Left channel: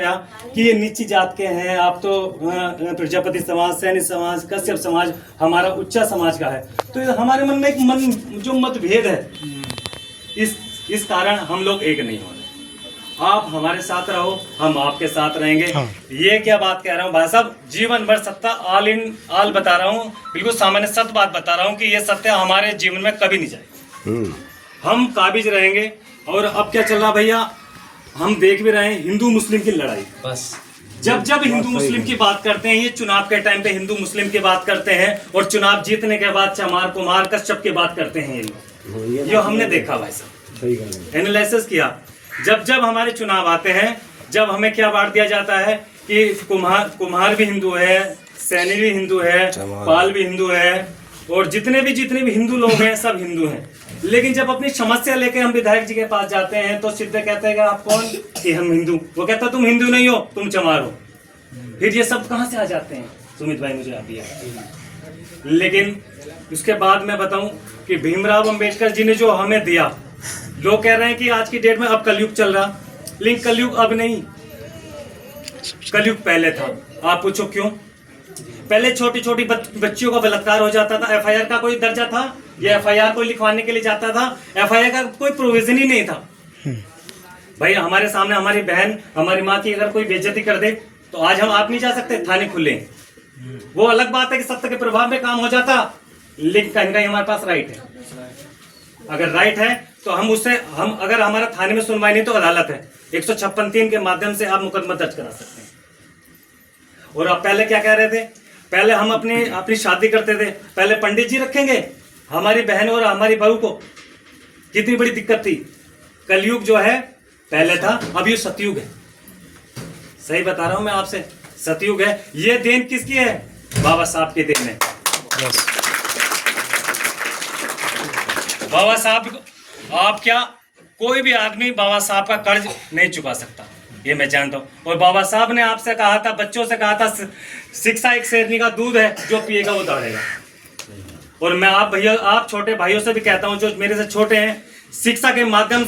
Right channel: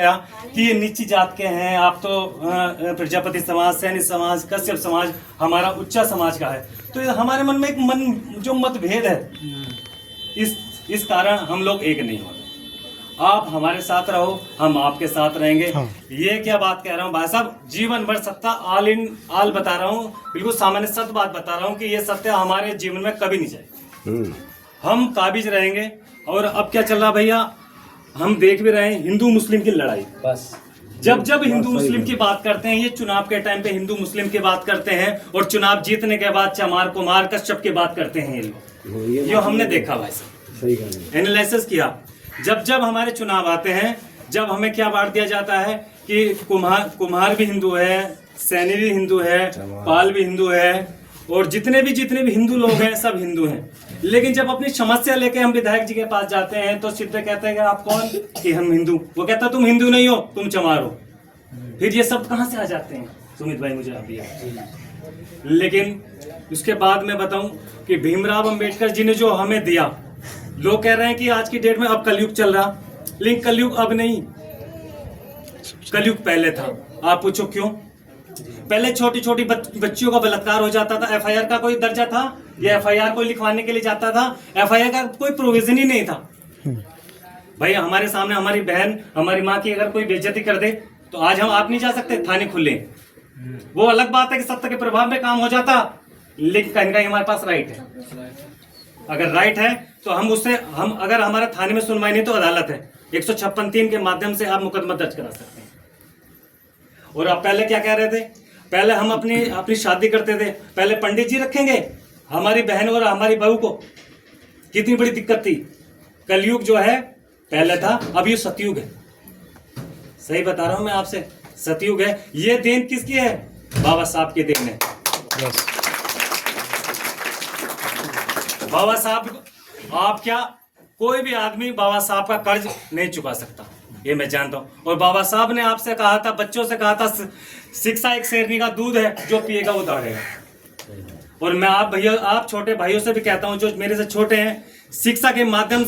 कि ये नीची जात के हैं आप तो प्रजापति समाज, सैनिक समाज, कश्यप समाज हमारा उच्चा समाज का है। तो ये हमारे मन में एक जो मतभेद है, इस कारण हम लोग एक नहीं हो रहे। आप हमारे साथ रहो, हम आपके साथ रहेंगे। हाँ। ये क्या बात कह रहा हूँ भाई साहब, जीवन भर सत्ता आल बता रहा हूँ, बिल्कुल सामान्य सत्य बात बता रहा हूँ कि ये सत्य हमारे जीवन में कभी नहीं जाएगी। हम काबिज रहेंगे। और अब क्या चल रहा भैया, हम देख भी रहे हैं हिंदू मुस्लिम की लड़ाई। बस जब हिंदू मुस्लिम की बात करते हैं, ये चुनाव के टाइम पे हिंदू मुस्लिम की बात करते हैं और चुनाव जीतने के बाद चमार कुमार कश्यप की बात करते हैं। ये हमने देखा भाई साहब, एनालिसिस किया। जब हमारे चुनाव आते हैं, जब हमें क्या बांट दिया जाता है कि कुम्हार भी हिंदू है, सैनी भी हिंदू है, पाल भी हिंदू है, और जितने भी हिंदू लोग हैं सब हिंदू हैं। लेकिन जब अपनी समस्या लेके हम विधायक जी के पास जाते हैं तो सीधे कहते हैं कि आप कौन, कि हम हिंदू। वो कहता तुम हिंदू नहीं हो, तुम चमार हो। फिर ये सब कहाँ से आ जाते हैं सुमित भाई, मुझे आप ये। लेकिन उसके बाद मैं बताऊं कि भीमराव अंबेडकर जी ने जो हमें दिया, लोग कह रहे हैं कि आज की डेट में अब कलयुग चल रहा, लेकिन कलयुग अब नहीं, कलयुग पहले था। आप पूछो क्यों? पहले छोटी छोटी बच्चियों का बलात्कार हो जाता था, एफआईआर का कोई दर्जा था? या एफआईआर को लिखवाने के लिए जाता था? एफआईआर का कोई प्रोविजन ही नहीं था। भाई हमारे सामने हमारी बहन, हमारी माँ की अगर कोई बेइज्जती कर दे तो आज आप नहीं जा सकते, थाने खुले। वो अलग बात है कि सत्ता के प्रभाव में काम हो जाता, लेकिन कहीं कहीं हमारे पास राइट है। अगर राइट है तो हम अगर हमारा थाने में सुनवाई नहीं तो अदालत है, 156(3) के माध्यम से आप मुकदमा दर्ज करा सकते हैं। और आप पहले क्या कह रहे थे? पहले हम अपनी शादी करते थे, पहले पंडित जी रखेंगे हमारी बहन और हमारी बहू को। कितनी बड़ी दिक्कत थी। कलयुग जो है पहले था, अब ये सतयुग है। सही बता रहा हूं मैं आपसे, सतयुग है। ये देन किसकी है? बाबा साहब की देन है। बाबा साहब, आप क्या, कोई भी आदमी बाबा साहब का कर्ज नहीं चुका सकता, ये मैं जानता हूँ। और बाबा साहब ने आपसे कहा था, बच्चों से कहा था, शिक्षा एक शेरनी का दूध है, जो पिएगा वो दौड़ेगा। और मैं आप छोटे भाइयों से भी कहता हूँ जो मेरे से छोटे हैं, शिक्षा के माध्यम से